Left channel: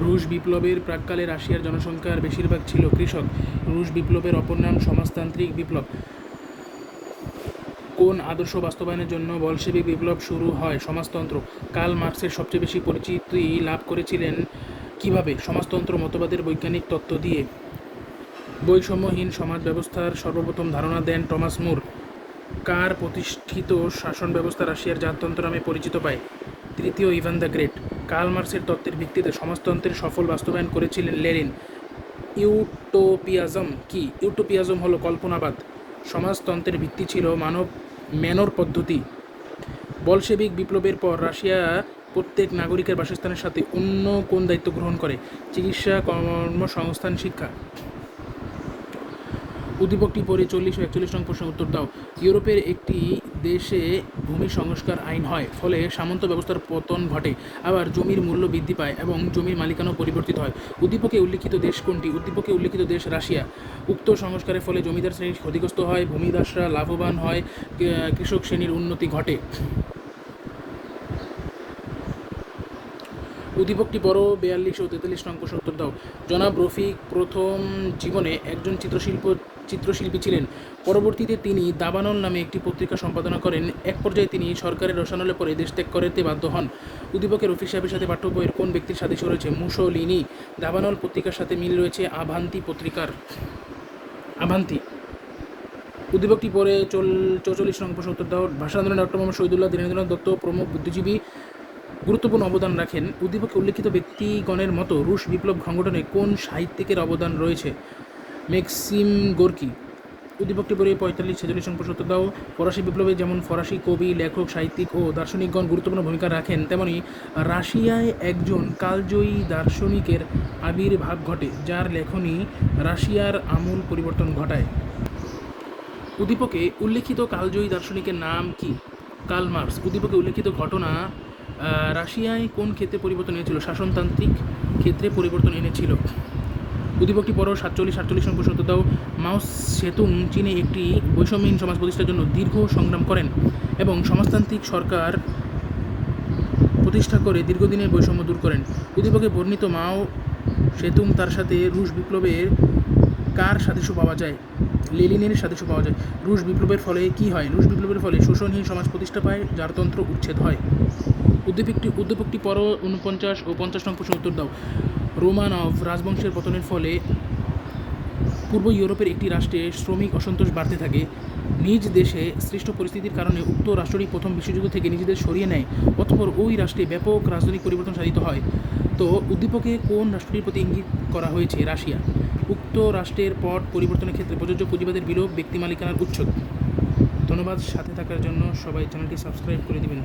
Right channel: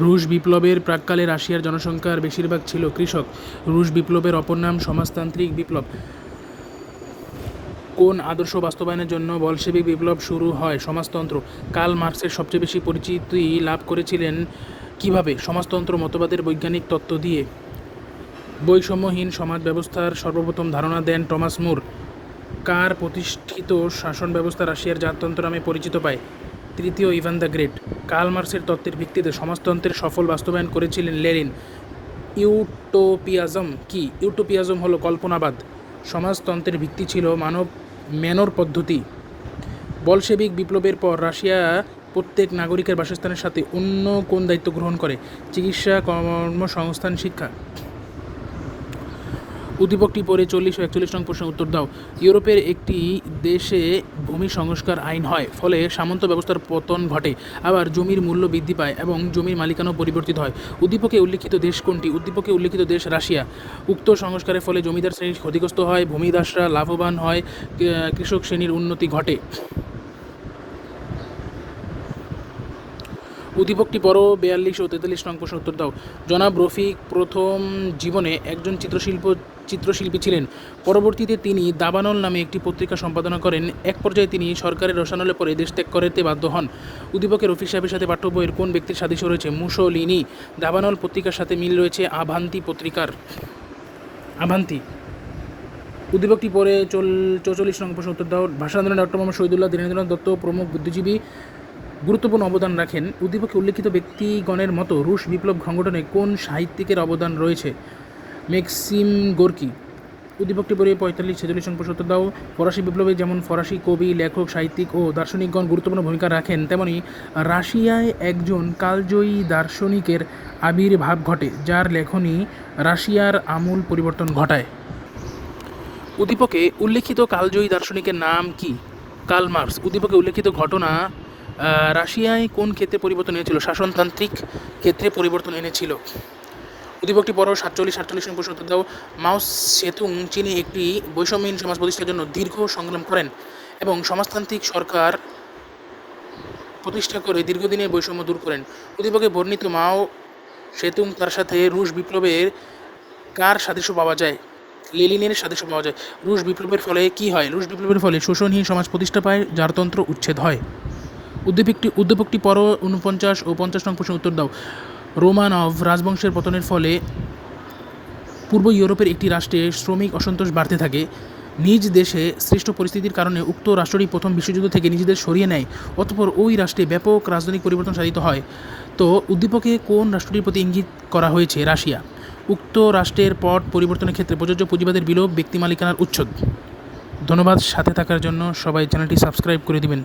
রুশ বিপ্লবের প্রাক্কালে রাশিয়ার জনসংখ্যার বেশিরভাগ ছিল কৃষক। রুশ বিপ্লবের অপর নাম সমাজতান্ত্রিক বিপ্লব। কোন আদর্শ বাস্তবায়নের জন্য বলশেবিক বিপ্লব শুরু হয়? সমাজতন্ত্র। কাল মার্কসের সবচেয়ে বেশি পরিচিতি লাভ করেছিলেন কীভাবে? সমাজতন্ত্র মতবাদের বৈজ্ঞানিক তত্ত্ব দিয়ে। বৈষম্যহীন সমাজ ব্যবস্থার সর্বপ্রথম ধারণা দেন টমাস মুর। কার প্রতিষ্ঠিত শাসন ব্যবস্থা রাশিয়ার জাততন্ত্র নামে পরিচিত পায়? তৃতীয় ইভান দ্য গ্রেট। কার্ল তত্ত্বের ভিত্তিতে সমাজতন্ত্রের সফল বাস্তবায়ন করেছিলেন লেনিন। ইউটোপিয়াজম কি? ইউটোপিয়াজম হলো কল্পনাবাদ। সমাজতন্ত্রের ভিত্তি ছিল মানব ম্যানর পদ্ধতি। বলশেবিক বিপ্লবের পর রাশিয়া প্রত্যেক নাগরিকের বাসস্থানের সাথে অন্য কোন দায়িত্ব গ্রহণ করে? চিকিৎসা, কর্মসংস্থান, শিক্ষা। উদ্দীপকটি পরে চল্লিশ ও একচল্লিশ নং প্রশ্নের উত্তর দাও। ইউরোপের একটি দেশে ভূমি সংস্কার আইন হয়, ফলে সামন্ত ব্যবস্থার পতন ঘটে। আবার জমির মূল্য বৃদ্ধি পায় এবং জমির মালিকানাও পরিবর্তিত হয়। উদ্দীপকে উল্লিখিত দেশ কোনটি? উদ্দীপকে উল্লিখিত দেশ রাশিয়া। উক্ত সংস্কারের ফলে জমিদার শ্রেণি ক্ষতিগ্রস্ত হয়, ভূমিদাসরা লাভবান হয় কৃষক শ্রেণির উন্নতি ঘটে। উদ্দীপকটি বড় বিয়াল্লিশ ও তেতাল্লিশ প্রশ্ন উত্তর দাও। জনাব রফিক প্রথম জীবনে একজন চিত্রশিল্প, চিত্রশিল্পী ছিলেন। পরবর্তীতে তিনি দাবানল নামে একটি পত্রিকা সম্পাদনা করেন। এক পর্যায়ে তিনি সরকারের রসানলে পরে দেশ ত্যাগ করতে বাধ্য হন। উদ্দীপকের রফিক সাহেবের সাথে পাঠ্য বইয়ের কোন ব্যক্তির সাদৃশ্য রয়েছে? মুসোলিনি। দাবানল পত্রিকার সাথে মিল রয়েছে আভান্তি পত্রিকার। আভান্তি। উদ্দীপকটি পরে চল, চৌচল্লিশ নং প্রশ্ন উত্তর দাও। ভাষা আন্দোলনে ডক্টর মোহাম্মদ শহীদুল্লাহ, দীনেন্দ্রনাথ দত্ত প্রমুখ বুদ্ধিজীবী গুরুত্বপূর্ণ অবদান রাখেন। উদ্দীপকে উল্লেখিত ব্যক্তিগণের মতো রুশ বিপ্লব সংগঠনে কোন সাহিত্যিকের অবদান রয়েছে? মেক্সিম গোর্কি উদ্দীপকটি পরে পঁয়তাল্লিশ ছেচল্লিশ নং দাও। ফরাসি বিপ্লবে যেমন ফরাসি কবি, লেখক, সাহিত্যিক ও দার্শনিকগণ গুরুত্বপূর্ণ ভূমিকা রাখেন, তেমনি রাশিয়ায় একজন কালজয়ী দার্শনিকের আবির্ভাব ঘটে, যার লেখনী রাশিয়ার আমূল পরিবর্তন ঘটায়। উদ্দীপকে উল্লেখিত কালজয়ী দার্শনিকের নাম কি? কার্ল মার্কস উদ্দীপকে উল্লেখিত ঘটনা রাশিয়ায় কোন ক্ষেত্রে পরিবর্তন এনেছিল? শাসনতান্ত্রিক ক্ষেত্রে পরিবর্তন এনেছিল। উদ্দীপকটি পর সাতচল্লিশ সাতচল্লিশ নম্বর প্রশ্ন দাও। মাউস সেতুং, চীনে একটি বৈষম্যহীন সমাজ প্রতিষ্ঠার জন্য দীর্ঘ সংগ্রাম করেন এবং সমাজতান্ত্রিক সরকার প্রতিষ্ঠা করে দীর্ঘদিনের বৈষম্য দূর করেন। উদ্দীপকে বর্ণিত মাও সেতুং তার সাথে রুশ বিপ্লবের কার সাদৃশ্য পাওয়া যায়? লেলিনের সাদৃশ্য পাওয়া যায়। রুশ বিপ্লবের ফলে কি হয়? রুশ বিপ্লবের ফলে শোষণহীন সমাজ প্রতিষ্ঠা পায় জারতন্ত্র উচ্ছেদ হয়। উদ্দীপকটি উদ্দীপকটি পর উনপঞ্চাশ ও পঞ্চাশ নং প্রশ্ন উত্তর দাও। রোমানভ রাজবংশের পতনের ফলে পূর্ব ইউরোপের একটি রাষ্ট্রে শ্রমিক অসন্তোষ বাড়তে থাকে। নিজ দেশে সৃষ্ট পরিস্থিতির কারণে উক্ত রাষ্ট্রটি প্রথম বিশ্বযুদ্ধ থেকে নিজেদের সরিয়ে নেয়, অতঃপর ওই রাষ্ট্রে ব্যাপক রাজনৈতিক পরিবর্তন সাধিত হয়। তো উদ্দীপকে কোন রাষ্ট্রটির প্রতি ইঙ্গিত করা হয়েছে? রাশিয়া। উক্ত রাষ্ট্রের পট পরিবর্তনের ক্ষেত্রে প্রযোজ্য পুঁজিবাদের বিলোপ, ব্যক্তি মালিকানার উচ্ছেদ। ধন্যবাদ, সাথে থাকার জন্য সবাই চ্যানেলটি সাবস্ক্রাইব করে দিবেন।